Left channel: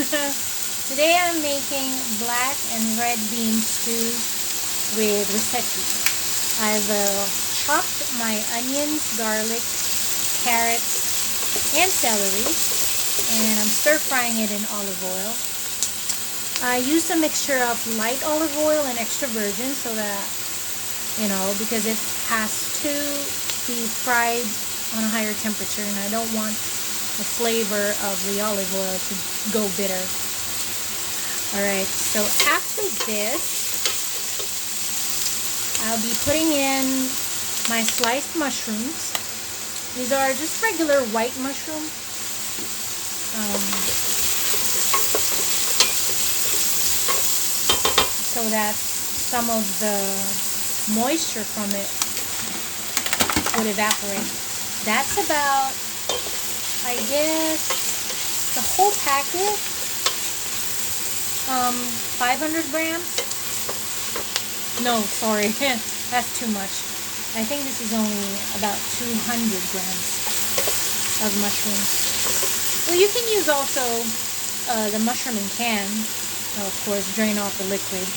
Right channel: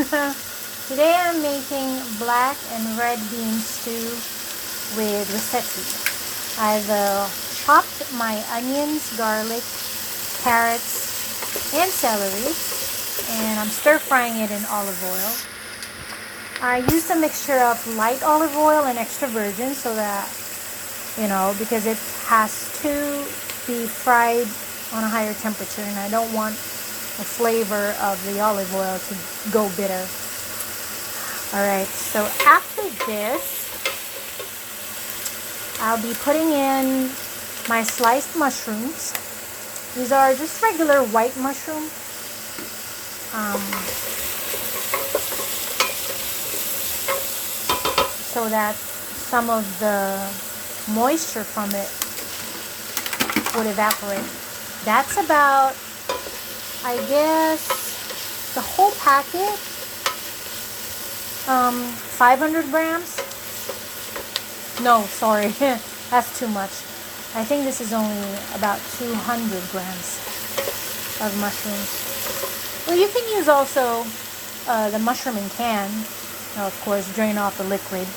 Today I'm making black and red bean stew with risetti. I've chopped my onions, garlic, carrots, and celery, and I'm stir frying it in olive oil. I used a mixture of light olive oil and extra virgin so that, because it has to be fried on a higher temperature, and I don't want the flavor of the olive oil to go bitter. Alright, so after this, I'll be putting in my sliced mushrooms. These are just regular white mushrooms. So that some of the moisture from it would evaporate. That's about, I guess, the whole packet, 500 grams. No, sorry, that's too much. I think this is only about 200 grams of mushrooms. Well, you can use also the mushroom in can. Of course, drain off the liquid.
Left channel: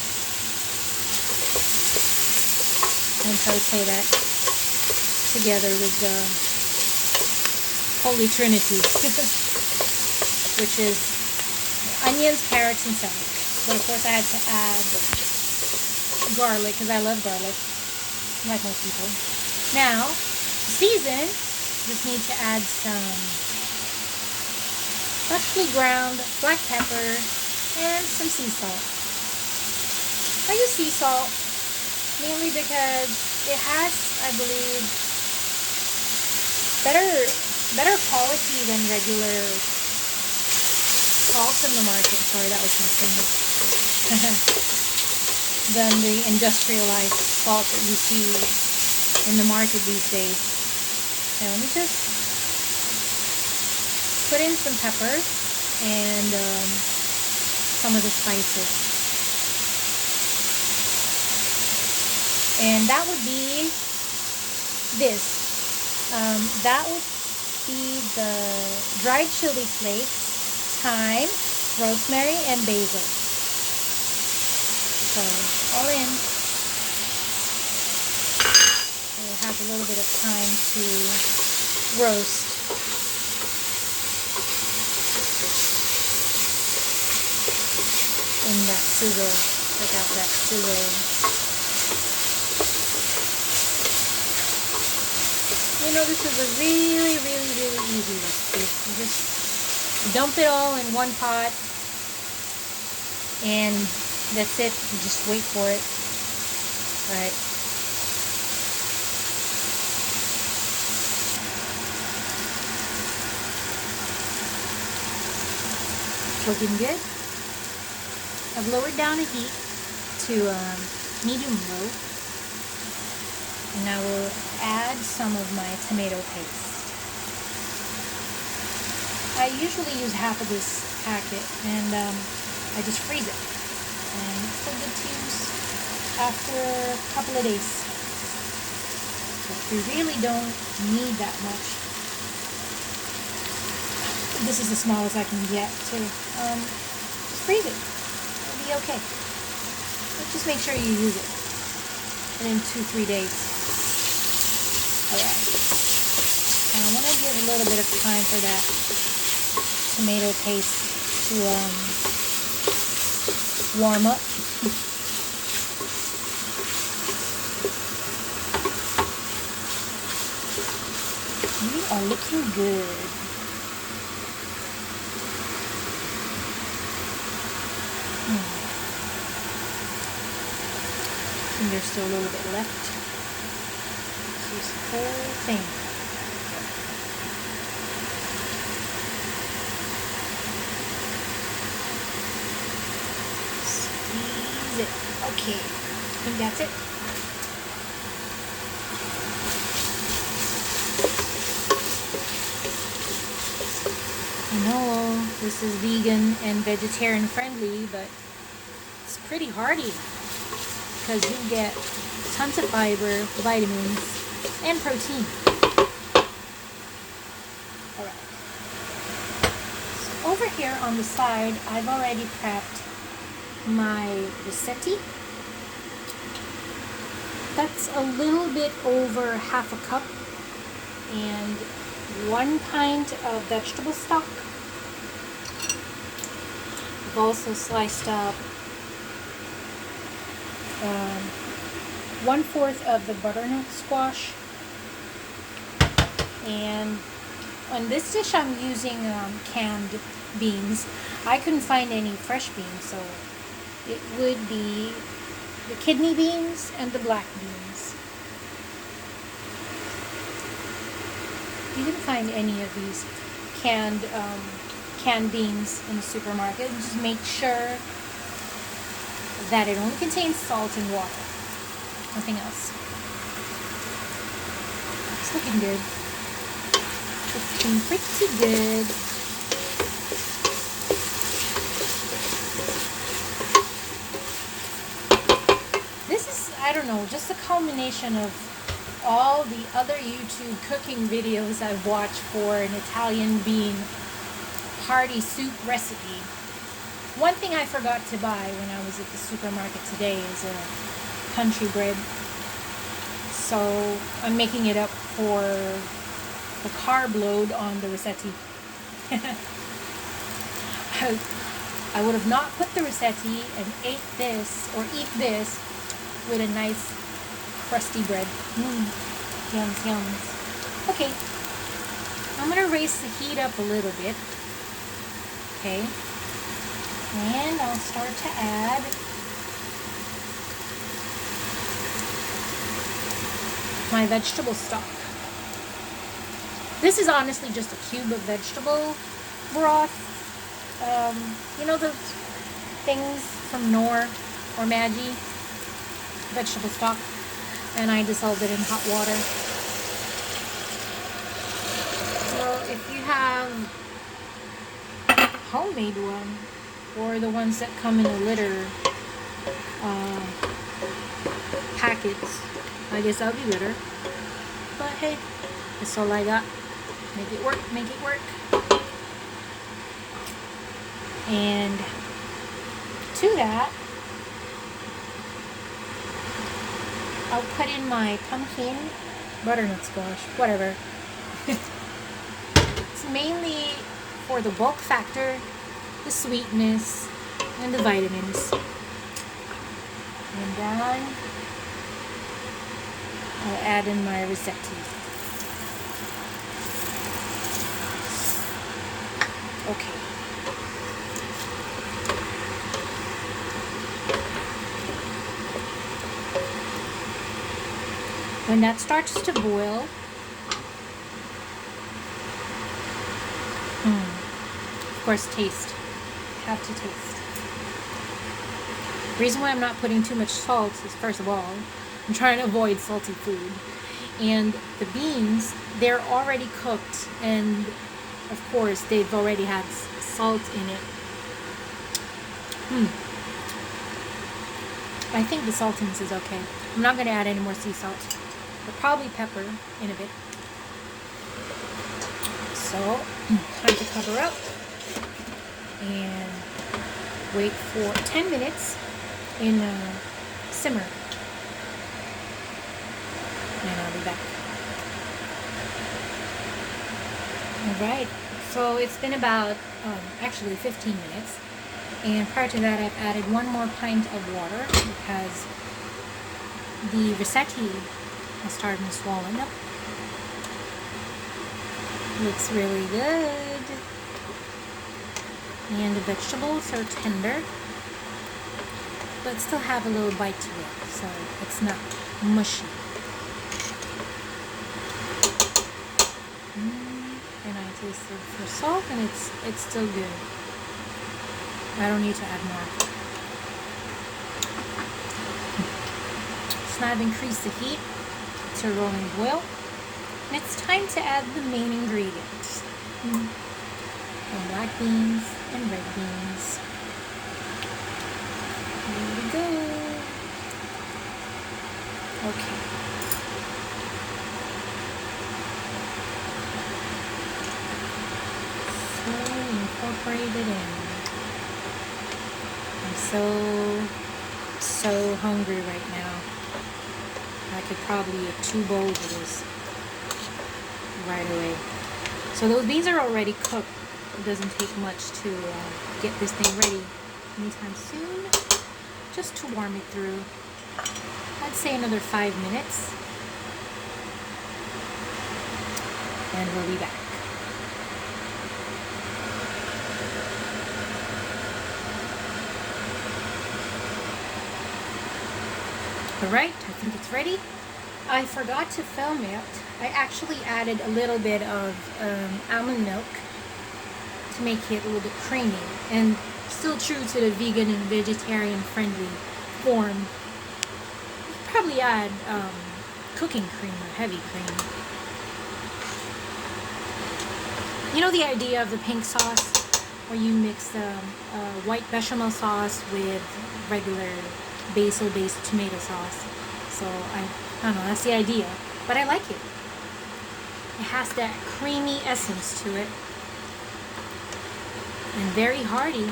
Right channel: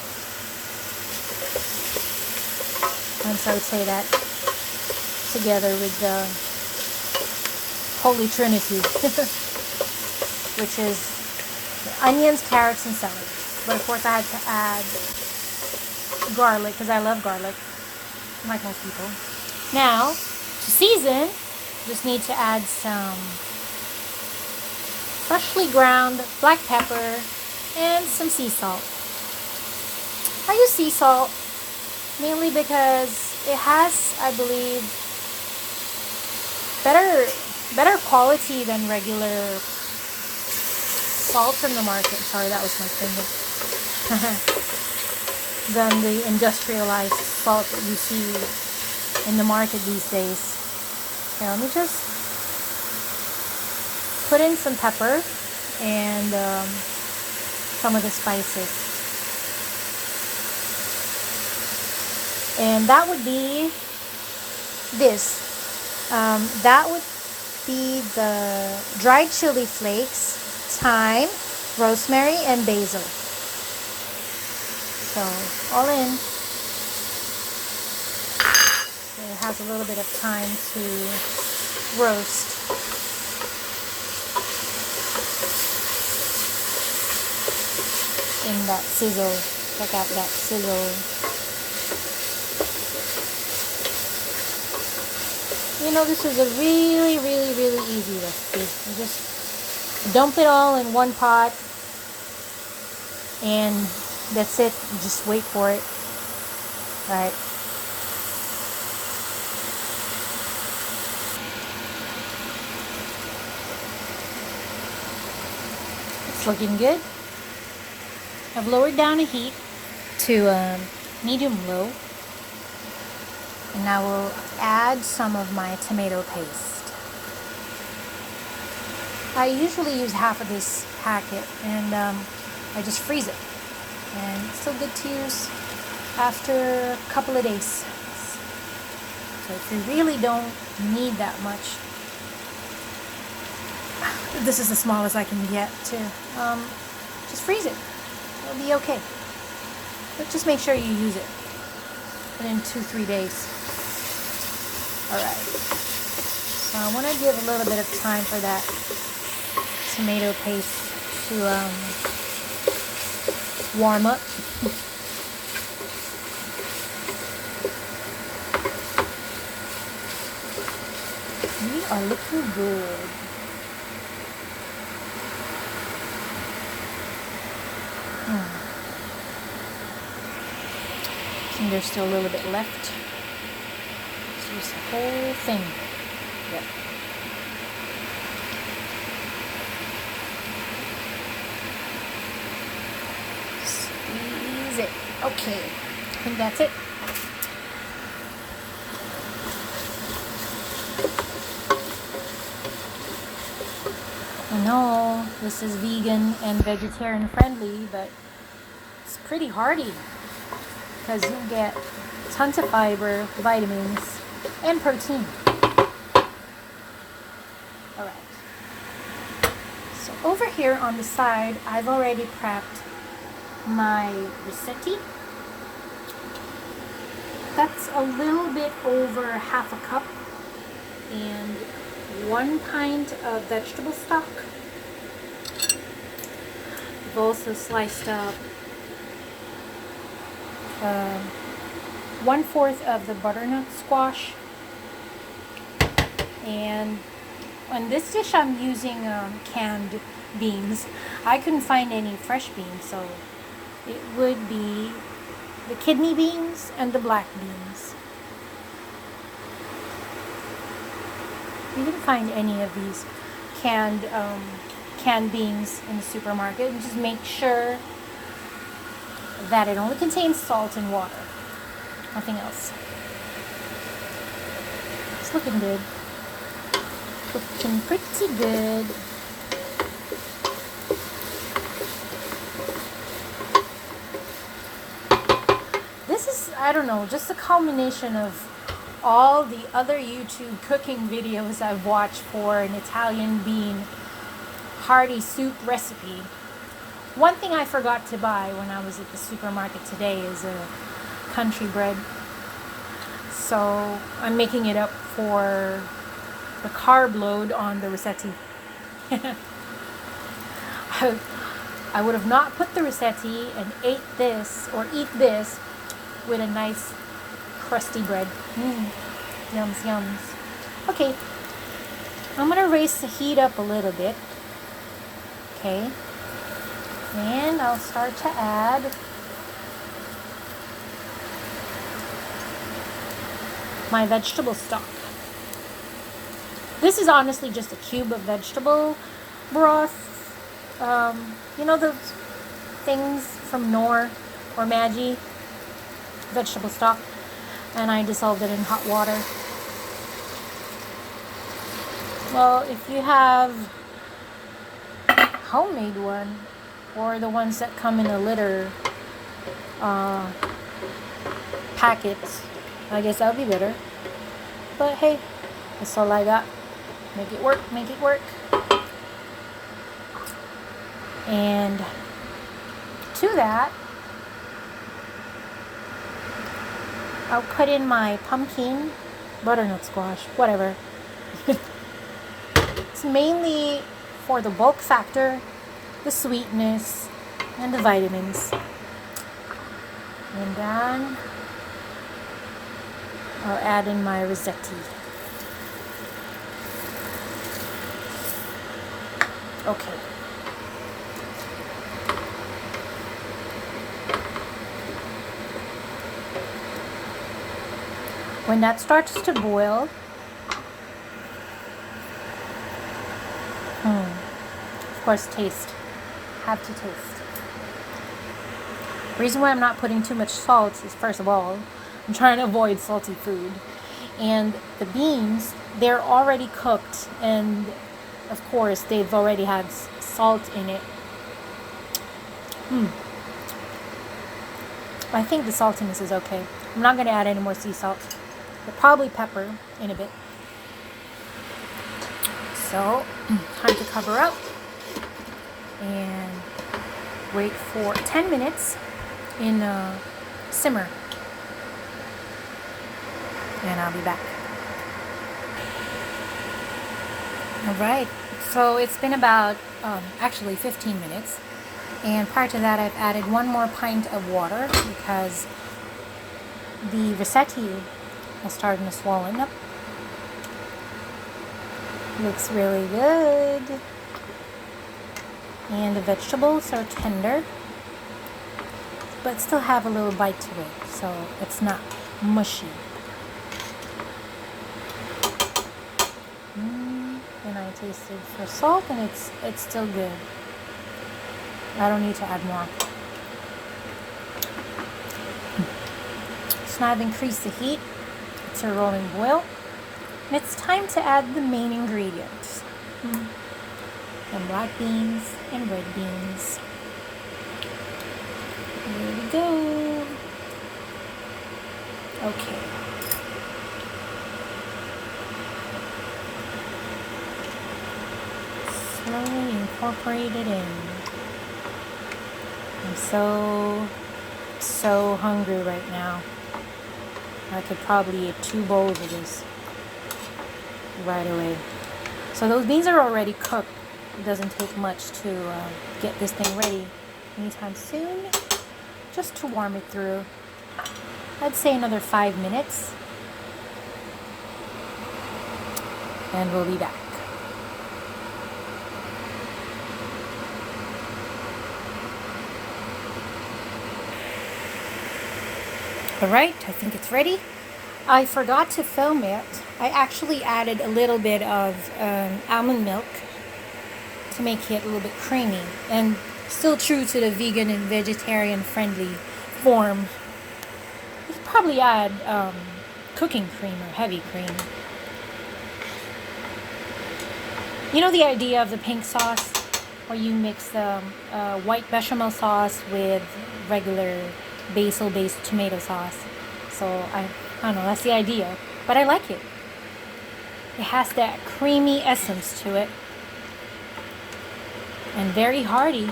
And so I would say that together with the Holy Trinity, which is onions, carrots, and celery. But of course I had to add garlic because I love garlic, like most people. Now, to season, just need to add some freshly ground black pepper and some sea salt. I use sea salt mainly because it has, I believe, better quality than regular salt in the market. Sorry, that was my finger. Than the industrialized salt that you see in the market these days. Now let me just put in some pepper and some of the spices. And that would be this. That would be the dried chili flakes, thyme, rosemary, and basil. So, all in. It has a little bit of time to roast. In that sizzle. Check out that sizzle. This is a really, really, really easy recipe. You just dump it all in one pot, and that's it. You just wait for it. Alright. It's looking good. I've lowered down the heat to medium low. And now we'll add some of my tomato paste. I usually use half of this packet, and I just freeze it. And it's still good to use after a couple of days. So if you really don't need that much, this is the smallest I can get too. Just freeze it. It'll be okay. But just make sure you use it. And in 2-3 days. Alright, so I want to give a little bit of time for that tomato paste to warm up. We are looking good. And there's still a little bit left. Use the whole thing. Yep. Squeeze it. Okay. I think that's it. I know this is vegan and vegetarian friendly, but it's pretty hearty because you get tons of fiber, vitamins, and protein. Alright. So over here on the side, I've already prepped my risetti. That's a little bit over half a cup, and 1 pint of vegetable stock. I've also sliced up 1/4 of the butternut squash, and on this dish I'm using canned beans. I couldn't find any fresh beans, so it would be the kidney beans and the black beans. You can find any of these canned beans in the supermarket. Just make sure that it only contains salt and water, nothing else. It's looking good. Looking pretty good. This is, I don't know, just a culmination of all the other YouTube cooking videos I've watched for an Italian bean hearty soup recipe. One thing I forgot to buy when I was at the supermarket today is a country bread. So I'm making it up for the carb load on the risetti. I would have not put the risetti and eat this with a nice crusty bread. Yums, yums. Okay, I'm gonna raise the heat up a little bit. Okay, and I'll start to add my vegetable stock. This is honestly just a cube of vegetable broth. You know those things from Knorr or Maggi? Vegetable stock. And I dissolved it in hot water. Well, if you have homemade one, or the ones that come in a liter packets, I guess that would be better. But hey, that's all I got. Make it work, make it work. And to that, I'll put in my pumpkin, butternut squash, whatever. It's mainly for the bulk factor, the sweetness, and the vitamins. And then I'll add in my risetti. Okay. When that starts to boil, of course, taste. Have to taste. The reason why I'm not putting too much salt is, first of all, I'm trying to avoid salty food. And the beans, they're already cooked, and of course, they've already had salt in it. I think the saltiness is okay. I'm not going to add any more sea salt, but probably pepper in a bit. So, time to cover up and wait for 10 minutes in a simmer. And I'll be back. Alright, so it's been about actually 15 minutes. And prior to that, I've added 1 more pint of water because the risetti is starting to swollen up. Looks really good. And the vegetables are tender, but still have a little bite to it, so it's not mushy. And I tasted for salt, and it's still good. I don't need to add more. So now I've increased the heat to a rolling boil. And it's time to add the main ingredients. And black beans and red beans. Here we go. Okay. Slowly incorporate it in. I'm so hungry right now. I could probably eat 2 bowls of this right away. So those beans are already cooked. It doesn't take much to get this thing ready anytime soon. Just to warm it through. I'd say another 5 minutes. And we'll be back. Alright, I think it's ready. I forgot to film it. I actually added a little bit of almond milk to make it a little bit creamy and still true to the vegan and vegetarian friendly form. You could probably add cooking cream or heavy cream. You know the idea of the pink sauce where you mix the white bechamel sauce with regular basil-based tomato sauce. So I don't know, that's the idea. But I like it. It has that creamy essence to it. And very hearty.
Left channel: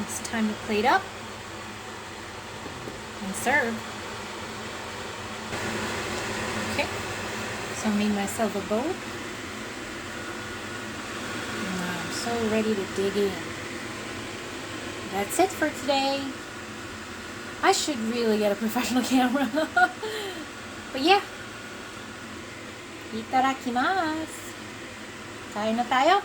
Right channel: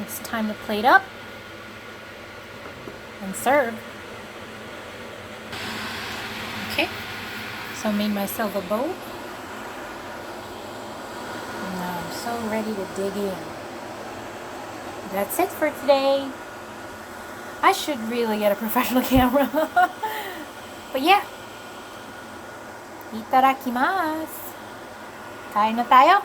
It's time to plate up and serve. Okay, so I made myself a bowl. And I'm so ready to dig in. That's it for today. I should really get a professional camera. But yeah. Itadakimasu. Kain na tayo.